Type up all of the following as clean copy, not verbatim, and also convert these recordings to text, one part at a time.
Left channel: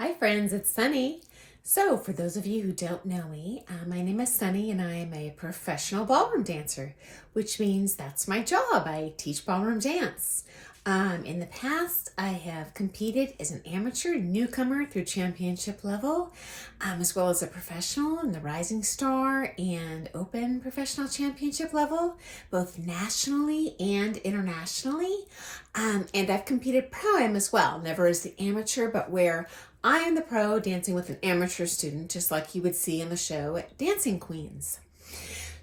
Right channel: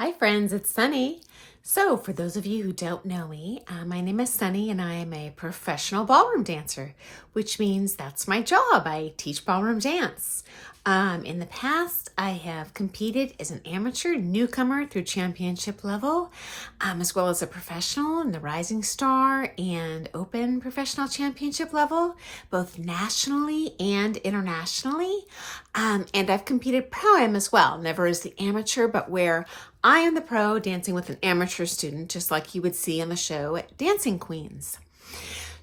Hi friends, it's Sunny. So for those of you who don't know me, my name is Sunny and I am a professional ballroom dancer, which means that's my job. I teach ballroom dance. In the past, I have competed as an amateur newcomer through championship level, as well as a professional in the Rising Star and Open professional championship level, both nationally and internationally. And I've competed pro-am as well, never as the amateur, but where I am the pro dancing with an amateur student, just like you would see on the show at Dancing Queens.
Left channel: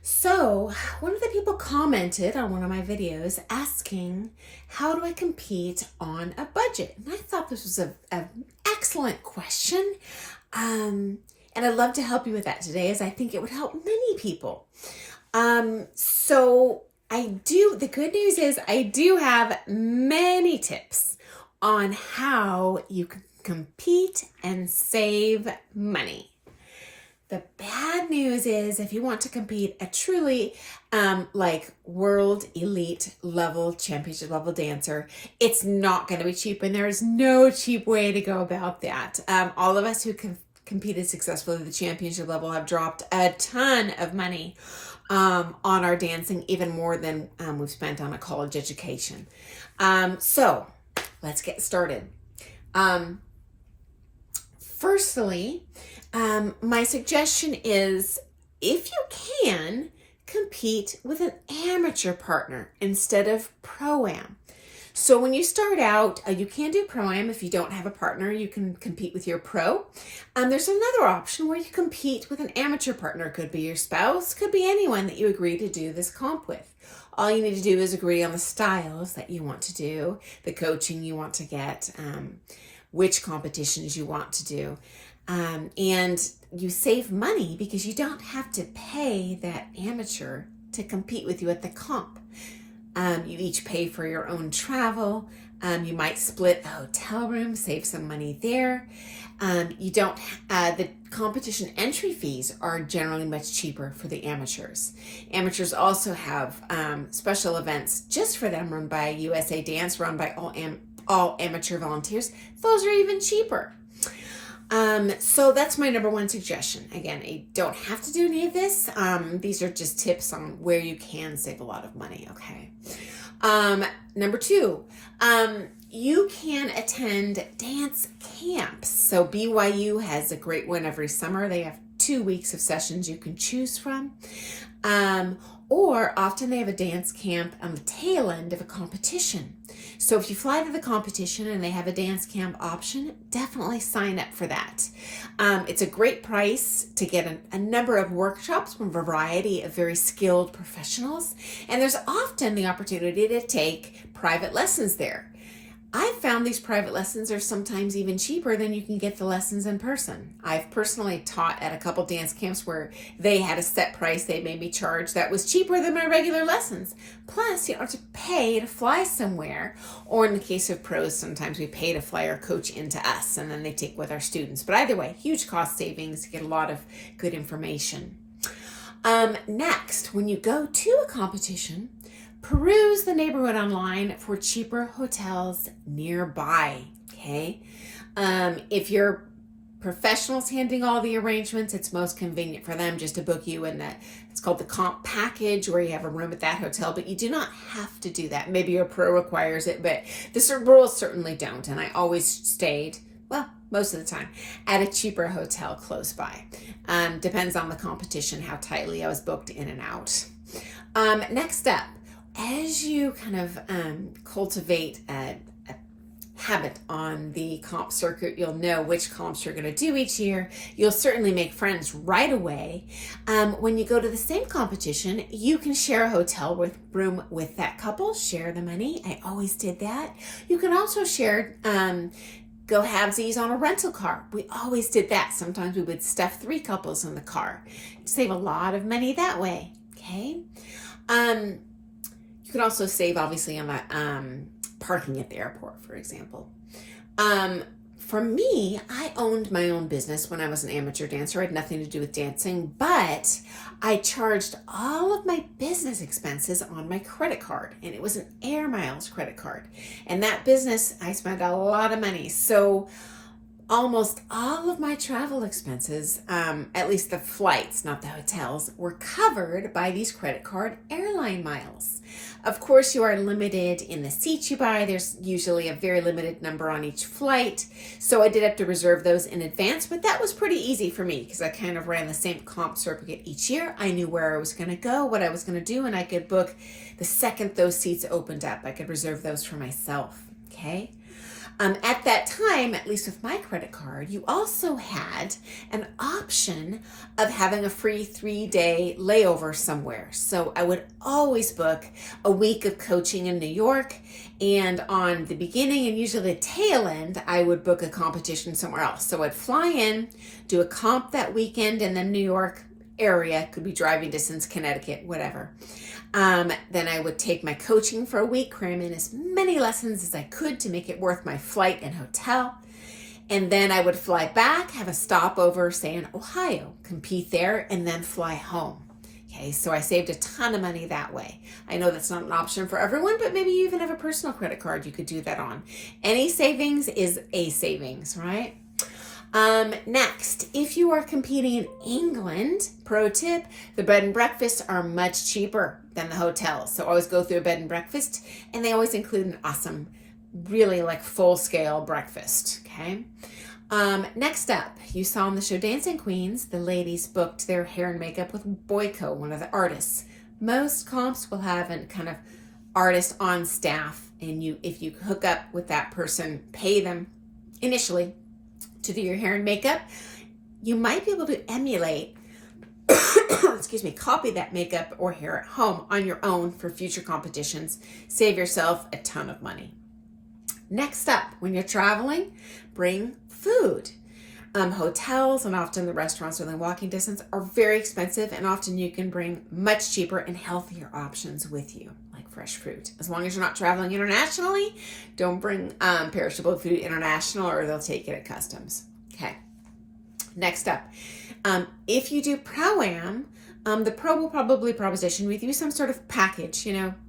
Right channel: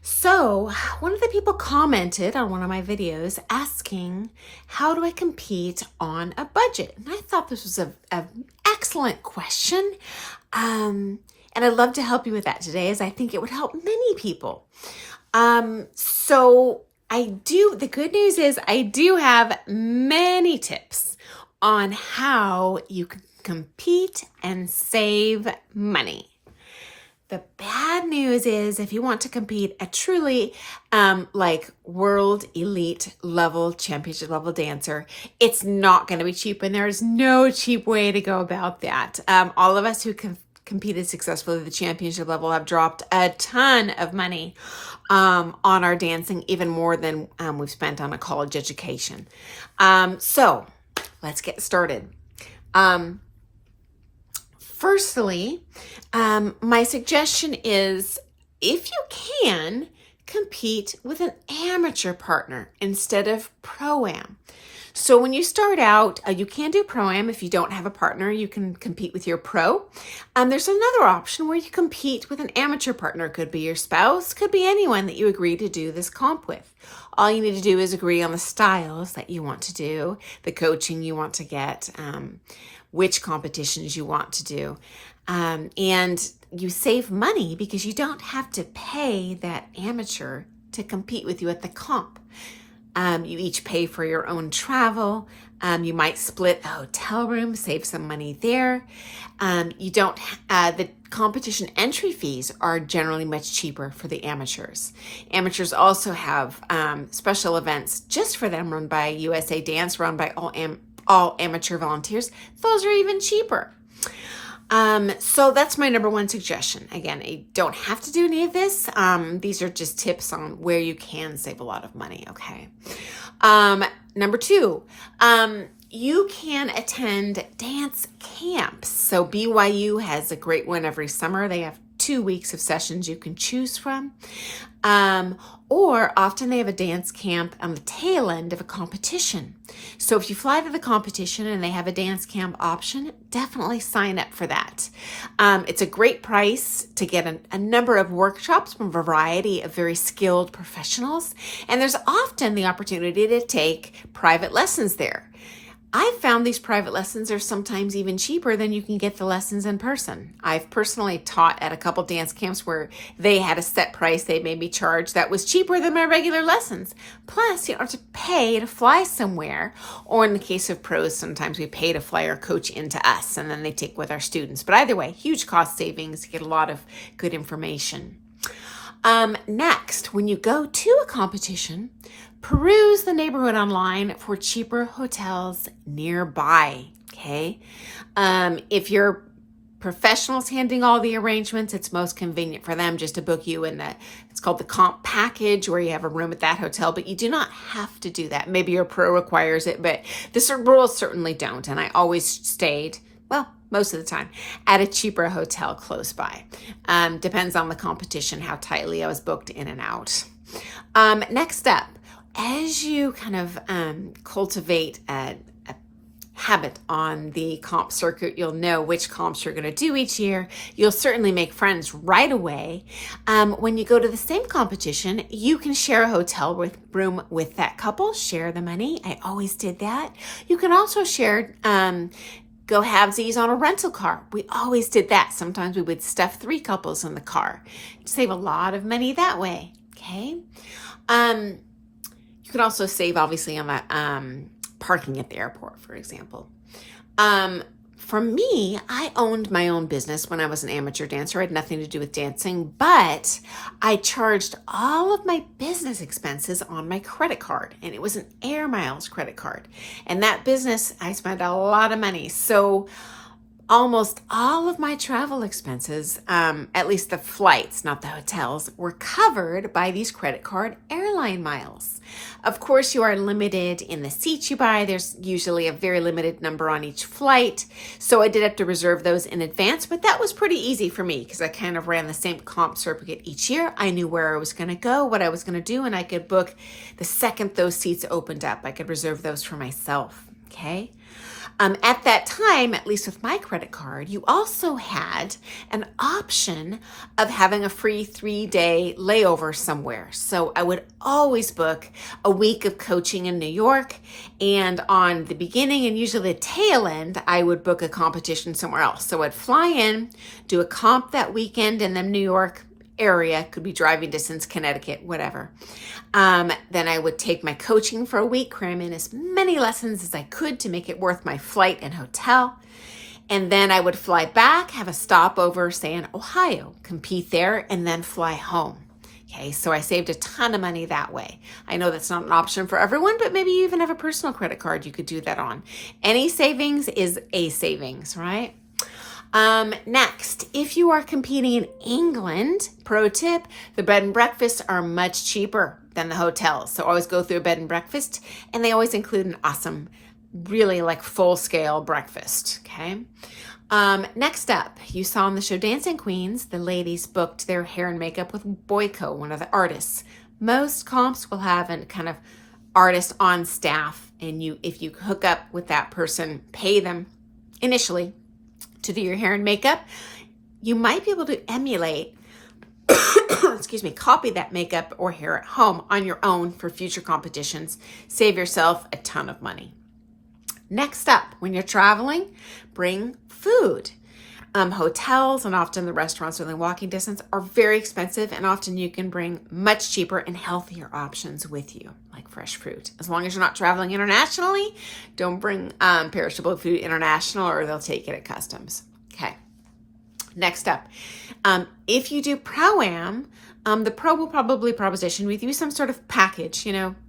So one of the people commented on one of my videos asking, how do I compete on a budget? And I thought this was an excellent question. And I'd love to help you with that today, as I think it would help many people. The good news is I do have many tips on how you can compete and save money. The bad news is if you want to compete a truly world elite level, championship level dancer, it's not going to be cheap, and there is no cheap way to go about that. All of us who competed successfully at the championship level have dropped a ton of money on our dancing, even more than we've spent on a college education. So let's get started. Firstly, my suggestion is, if you can, compete with an amateur partner instead of pro-am. So when you start out, you can do pro-am. If you don't have a partner, you can compete with your pro. There's another option where you compete with an amateur partner. Could be your spouse, could be anyone that you agree to do this comp with. All you need to do is agree on the styles that you want to do, the coaching you want to get, which competitions you want to do. And you save money because you don't have to pay that amateur to compete with you at the comp. You each pay for your own travel. You might split a hotel room, save some money there. The competition entry fees are generally much cheaper for the amateurs. Amateurs also have special events just for them, run by USA Dance, run by all amateur volunteers. Those are even cheaper. So that's my number one suggestion. Again, you don't have to do any of this. These are just tips on where you can save a lot of money. Okay. Number two, you can attend dance camps. So BYU has a great one every summer. They have 2 weeks of sessions you can choose from. Or often they have a dance camp on the tail end of a competition. So if you fly to the competition and they have a dance camp option, definitely sign up for that. It's a great price to get a number of workshops from a variety of very skilled professionals. And there's often the opportunity to take private lessons there. I've found these private lessons are sometimes even cheaper than you can get the lessons in person. I've personally taught at a couple dance camps where they had a set price they made me charge that was cheaper than my regular lessons. Plus, you don't have to pay to fly somewhere. Or in the case of pros, sometimes we pay to fly our coach into us and then they take with our students. But either way, huge cost savings, you get a lot of good information. Next, when you go to a competition, peruse the neighborhood online for cheaper hotels nearby, okay? If your professional's handling all the arrangements, it's most convenient for them just to book you in it's called the comp package, where you have a room at that hotel, but you do not have to do that. Maybe your pro requires it, but the rules certainly don't. And I always stayed, well, most of the time, at a cheaper hotel close by. Depends on the competition, how tightly I was booked in and out. Next up, as you kind of cultivate a habit on the comp circuit, you'll know which comps you're going to do each year. You'll certainly make friends right away. When you go to the same competition, you can share a hotel room with that couple, share the money. I always did that. You can also share go halvesies on a rental car. We always did that. Sometimes we would stuff 3 couples in the car. Save a lot of money that way, okay? You can also save, obviously, on that parking at the airport, for example. For me, I owned my own business when I was an amateur dancer. I had nothing to do with dancing, but I charged all of my business expenses on my credit card, and it was an Air Miles credit card. And that business, I spent a lot of money. So almost all of my travel expenses, at least the flights, not the hotels, were covered by these credit card airline miles. Of course, you are limited in the seats you buy. There's usually a very limited number on each flight. So I did have to reserve those in advance, but that was pretty easy for me because I kind of ran the same comp circuit each year. I knew where I was going to go, what I was going to do, and I could book the second those seats opened up. I could reserve those for myself, okay? At that time, at least with my credit card, you also had an option of having a free 3-day layover somewhere. So I would always book a week of coaching in New York, and on the beginning and usually the tail end, I would book a competition somewhere else. So I'd fly in, do a comp that weekend in the New York area, could be driving distance, Connecticut, whatever. Then I would take my coaching for a week, cram in as many lessons as I could to make it worth my flight and hotel. And then I would fly back, have a stopover, say in Ohio, compete there, and then fly home. Okay, so I saved a ton of money that way. I know that's not an option for everyone, but maybe you even have a personal credit card you could do that on. Any savings is a savings, right? Next, if you are competing in England, pro tip, the bed and breakfasts are much cheaper than the hotels. So always go through a bed and breakfast, and they always include an awesome, really like full scale breakfast, okay? Next up, you saw on the show Dancing Queens, the ladies booked their hair and makeup with Boyko, one of the artists. Most comps will have a kind of artist on staff, and if you hook up with that person, pay them initially to do your hair and makeup, you might be able to emulate, copy that makeup or hair at home on your own for future competitions. Save yourself a ton of money. Next up, when you're traveling, bring food. Hotels and often the restaurants within walking distance are very expensive, and often you can bring much cheaper and healthier options with you, like fresh fruit. As long as you're not traveling internationally, don't bring perishable food international or they'll take it at customs. Okay. Next up, if you do Pro-Am, the pro will probably proposition with you some sort of package,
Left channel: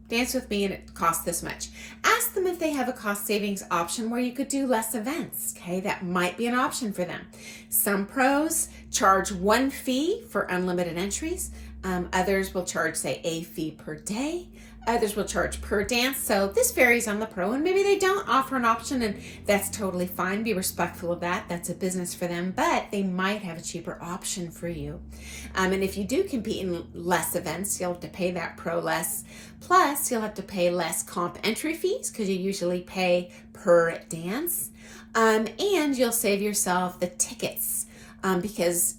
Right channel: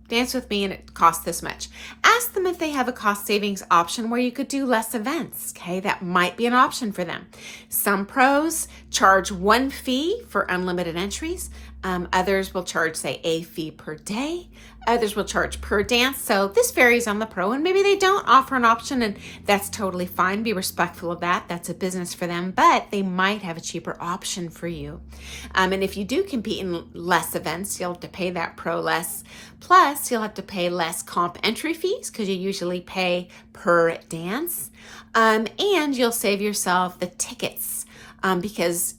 dance with me and it costs this much. Ask them if they have a cost savings option where you could do less events, okay? That might be an option for them. Some pros charge one fee for unlimited entries. Others will charge, say, a fee per day. Others will charge per dance. So this varies on the pro, and maybe they don't offer an option, and that's totally fine. Be respectful of that. That's a business for them, but they might have a cheaper option for you. And if you do compete in less events, you'll have to pay that pro less. Plus, you'll have to pay less comp entry fees because you usually pay per dance. And you'll save yourself the tickets because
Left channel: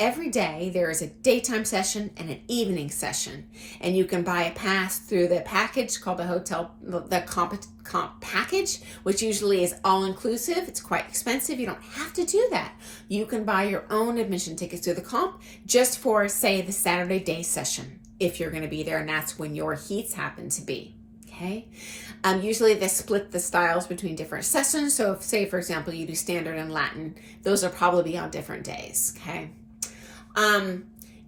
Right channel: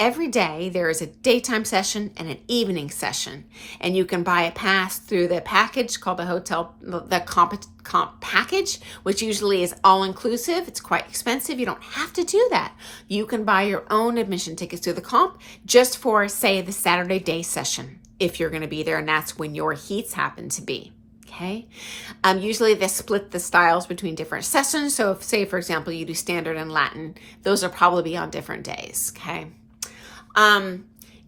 every day there is a daytime session and an evening session, and you can buy a pass through the package called the comp package, which usually is all inclusive. It's quite expensive. You don't have to do that. You can buy your own admission tickets to the comp just for, say, the Saturday day session if you're going to be there, and that's when your heats happen to be. Okay. Usually they split the styles between different sessions. So if, say, for example, you do standard and Latin, those will probably be on different days. Okay.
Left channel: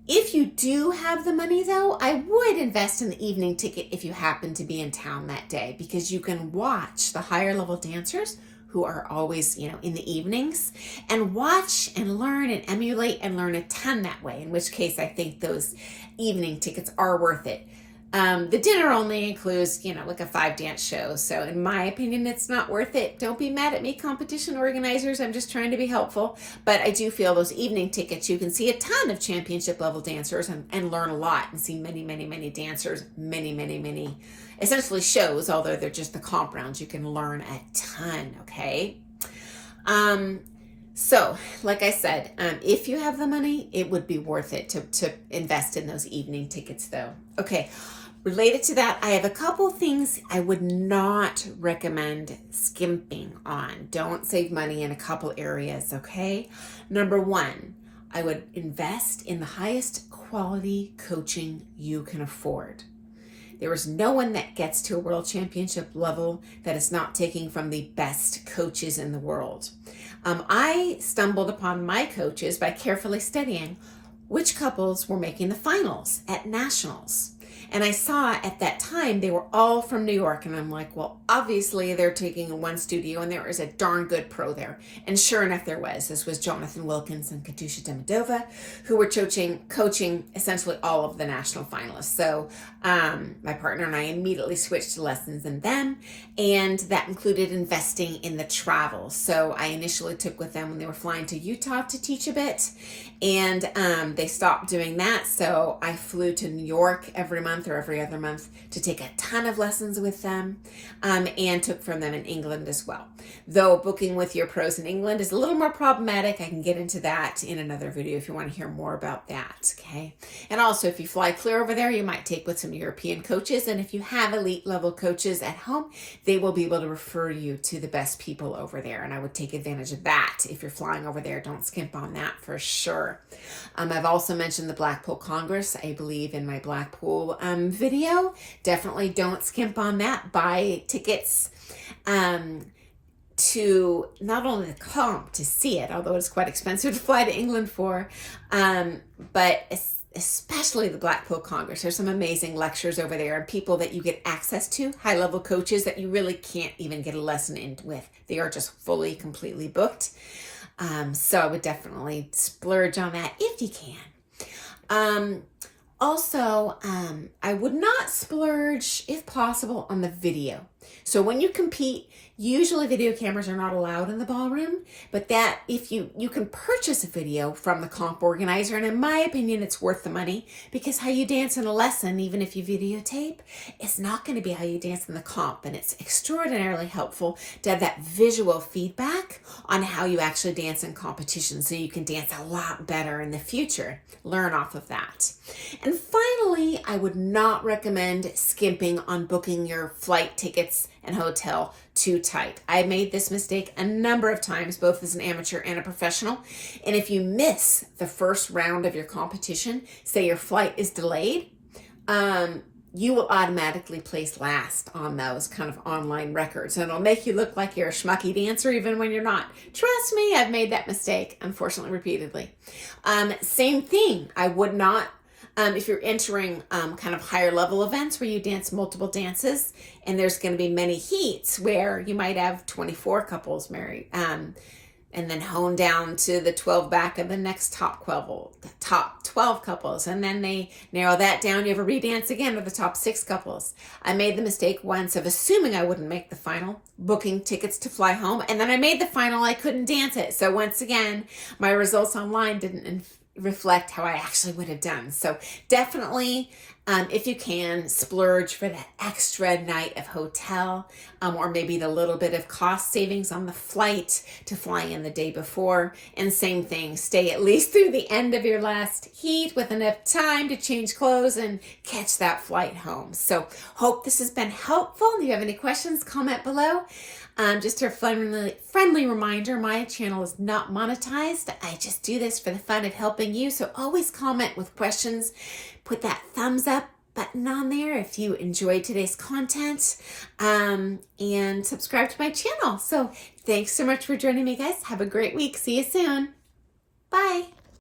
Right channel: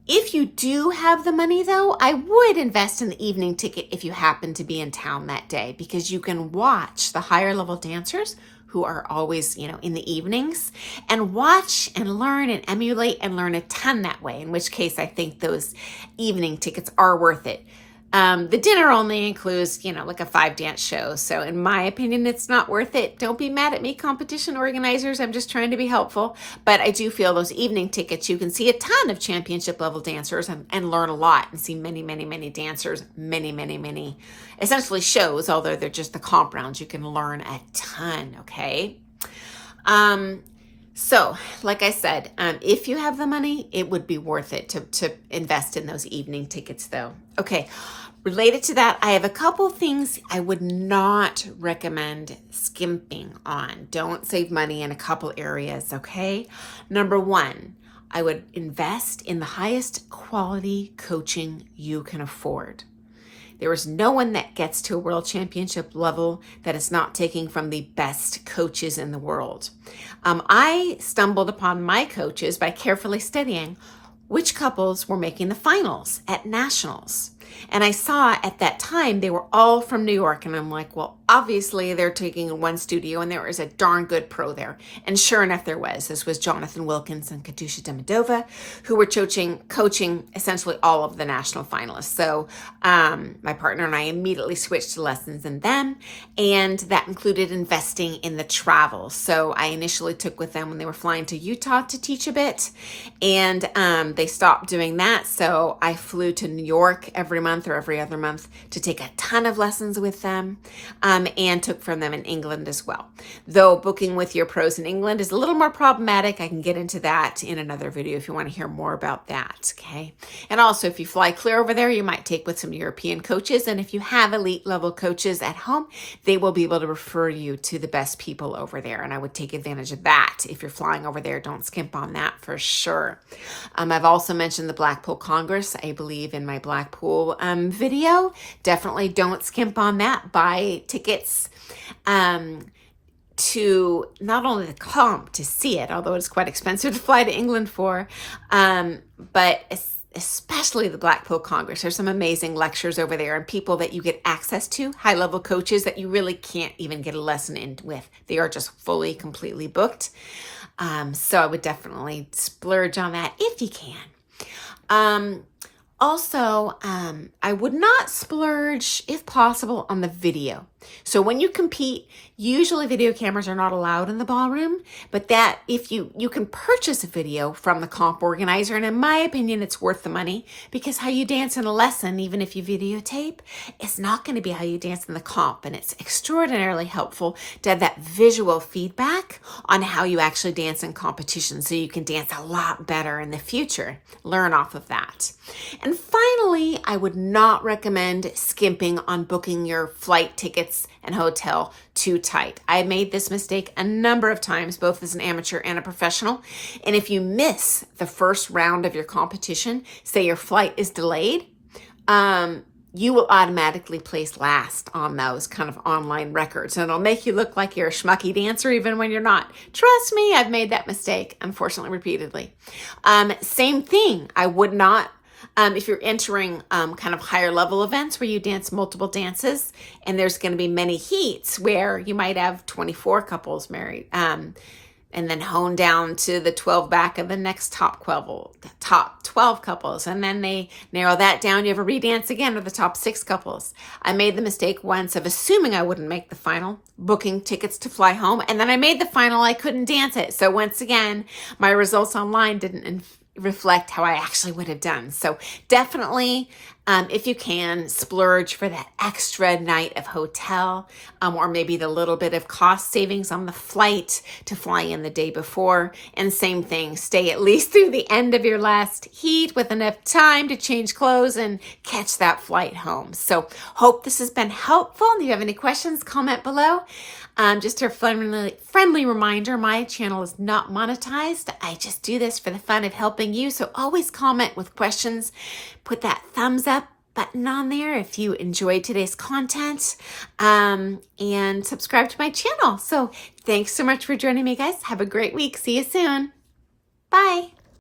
If you do have the money though, I would invest in the evening ticket if you happen to be in town that day, because you can watch the higher level dancers who are always, in the evenings, and watch and learn and emulate and learn a ton that way, in which case I think those evening tickets are worth it. The dinner only includes, like a 5-dance show. So in my opinion, it's not worth it. Don't be mad at me, competition organizers. I'm just trying to be helpful. But I do feel those evening tickets, you can see a ton of championship level dancers and learn a lot and see many, many, many dancers, many, many, many essentially shows, although they're just the comp rounds. You can learn a ton, okay? So like I said, if you have the money, it would be worth it to invest in those evening tickets though. Okay. Related to that, I have a couple things I would not recommend skimping on. Don't save money in a couple areas, okay? Number one, I would invest in the highest quality coaching you can afford. There is no one that gets to a world championship level that is not taking from the best coaches in the world. I stumbled upon my coaches by carefully studying which couples were making the finals at nationals. And I saw at that time they were all from New York. And I'm like, well, obviously they're taking one studio and there was a darn good pro there. And sure enough, there was. This was Jonathan Wilkins and Katusha Demidova, who were coaching essentially all of the national finalists. So my partner and I immediately switched to lessons in them. And that included investing in the travel. So I initially took with them when they were flying to Utah to teach a bit. And they stopped doing that. So I flew to New York every month or every other month to take a ton of lessons with them, and took from them in England as well. Though booking with your pros in England is a little more problematic. I can get into that in another video if you want to hear more about that, okay? And also, if you fly clear over there, you might take with some European coaches. And if you have elite level coaches at home, they will be able to refer you to the best people over there. And I would take advantage of that. If you're flying over there, don't skimp on that for sure. I've also mentioned the Blackpool Congress, I believe, in my Blackpool video. Definitely don't skimp on that. Buy tickets to not only the comp to see it, although it's quite expensive to fly to England for, but especially the Blackpool Congress. There's some amazing lectures over there and people that you get access to, high-level coaches that you really can't even get a lesson in with. They are just fully, completely booked. So I would definitely splurge on that if you can. Also, I would not splurge, if possible, on the video. So when you compete, usually video cameras are not allowed in the ballroom, but that if you can purchase a video from the comp organizer, and in my opinion, it's worth the money, because how you dance in a lesson, even if you videotape, is not going to be how you dance in the comp. And it's extraordinarily helpful to have that visual feedback on how you actually dance in competition, so you can dance a lot better in the future. Learn off of that. And finally, I would not recommend skimping on booking your flight tickets and hotel too tight. I made this mistake a number of times, both as an amateur and a professional. And if you miss the first round of your competition, say your flight is delayed, you will automatically place last on those kind of online records. And it'll make you look like you're a schmucky dancer even when you're not. Trust me, I've made that mistake, unfortunately, repeatedly. Same thing. I would not, if you're entering kind of higher level events where you dance multiple dances, and there's going to be many heats where you might have 24 couples married, and then hone down to the 12 back of the next top 12 couples. And then they narrow that down. You have a redance again to the top 6 couples. I made the mistake once of assuming I wouldn't make the final, booking tickets to fly home. And then I made the final, I couldn't dance it. So once again, my results online didn't reflect how I actually would have done. So definitely, if you can, splurge for that extra night of hotel, or maybe the little bit of cost savings on the flight to fly in the day before. And same thing, stay at least through the end of your last heat with enough time to change clothes and catch that flight home. So hope this has been helpful. If you have any questions, comment below. Just a friendly reminder, my channel is not monetized. I just do this for the fun of helping you. So always comment with questions. Put that thumbs up button on there if you enjoyed today's content, and subscribe to my channel. So thanks so much for joining me, guys. Have a great week. See you soon. Bye.